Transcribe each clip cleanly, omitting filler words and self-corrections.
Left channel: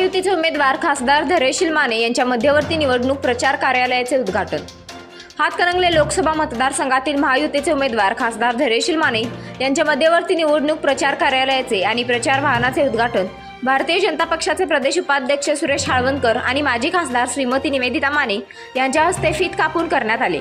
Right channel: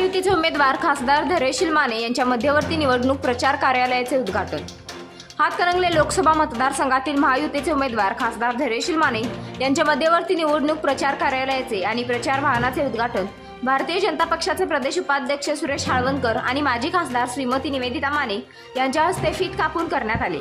महायुतीचे उमेदवार खासदार धैर्यशील माने यांच्या मध्यवर्ती निवडणूक प्रचार कार्यालयाचे उद्घाटन। हातकणंगले लोकसभा मतदारसंघातील महायुतीचे उमेदवार खासदार धैर्यशील माने यांच्या मध्यवर्ती निवडणूक प्रचार कार्यालयाचे आणि प्रचार वाहनाचे उद्घाटन भारतीय जनता पक्षाचे प्रदेश उपाध्यक्ष सुरेश हाळवणकर आणि माजी खासदार श्रीमती निवेदिता माने यांच्या हस्ते फीत कापून करण्यात आले।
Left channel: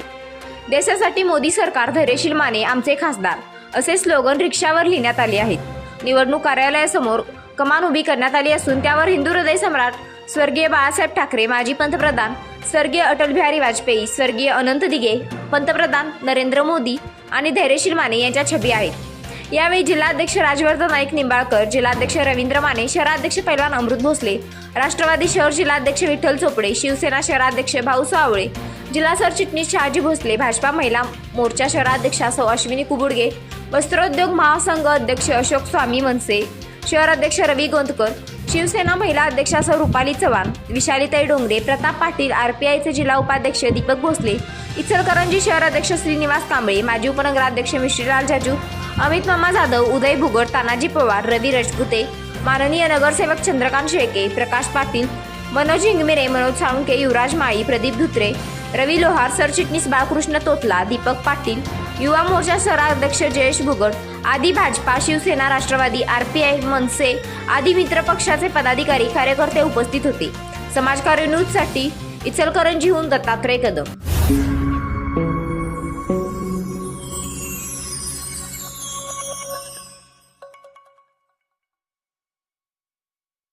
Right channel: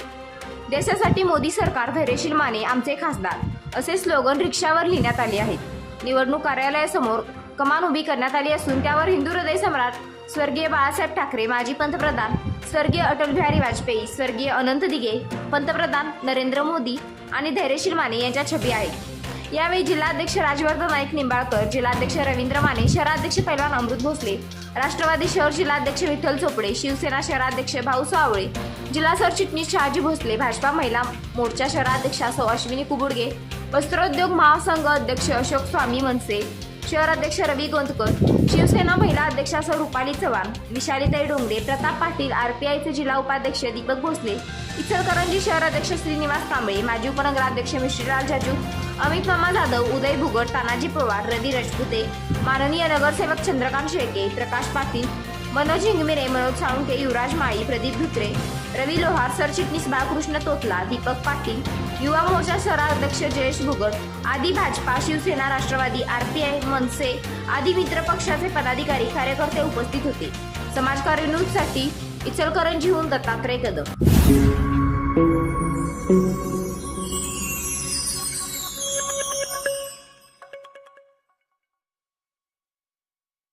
देशासाठी मोदी सरकार, धैर्यशील माने आमचे खासदार असे स्लोगन रिक्षावर लिहिण्यात आले आहेत। निवडणूक कार्यालयासमोर कमान उभी करण्यात आली असून त्यावर हिंदू हृदय सम्राट स्वर्गीय बाळासाहेब ठाकरे, माजी पंतप्रधान स्वर्गीय अटल बिहारी वाजपेयी, स्वर्गीय अनंत दिघे, पंतप्रधान नरेंद्र मोदी आणि धैर्यशील माने यांच्या छबी आहेत। यावेळी जिल्हाध्यक्ष राजवर्धन नाईक निंबाळकर, जिल्हाध्यक्ष रवींद्र माने, शहराध्यक्ष पैलवान अमृत भोसले, राष्ट्रवादी शहर जिल्हाध्यक्ष विठ्ठल चोपडे, शिवसेना शहराध्यक्ष भाऊसाहेब आवळे, जिल्हा सरचिटणीस शहाजी भोसले, भाजपा महिला मोर्चा शहराध्यक्षा सौ अश्विनी कुबुडगे, वस्त्रोद्योग महासंघ अध्यक्ष अशोक स्वामी मनसे, शहर अध्यक्ष रवी गोंदकर, शिवसेना महिला अध्यक्षा सौ रुपाली चव्हाण, विशालीताई डोंगरे, प्रताप पाटील, आरपीआयचे जिल्हा उपाध्यक्ष दीपक भोसले, इचलकरंजी शहर अध्यक्ष श्रीनिवास कांबळे, माजी उपनगराध्यक्ष मिश्रीलाल जाजू, अमित मामा जाधव, उदय भुगड, तानाजी पवार, रवी राजपुते, माननीय नगरसेवक चंद्रकांत शेळके, प्रकाश पाटील, मनोज हिंगमिरे, मनोज साळुंके, युवराज माळी, प्रदीप धुत्रे, रवी लोहार, सरचिटणीस बाळकृष्ण तोतला, दीपक पाटील, युवा मोर्चा शहराध्यक्ष जयेश भुगड आदी भाजपा, शिवसेना, राष्ट्रवादी, आरपीआय, मनसे आदी मित्र पक्षाचे पदाधिकारी कार्यकर्ते उपस्थित होते। समाजकार्य न्यूजसाठी इचलकरंजीहून दत्तात्रय कदम।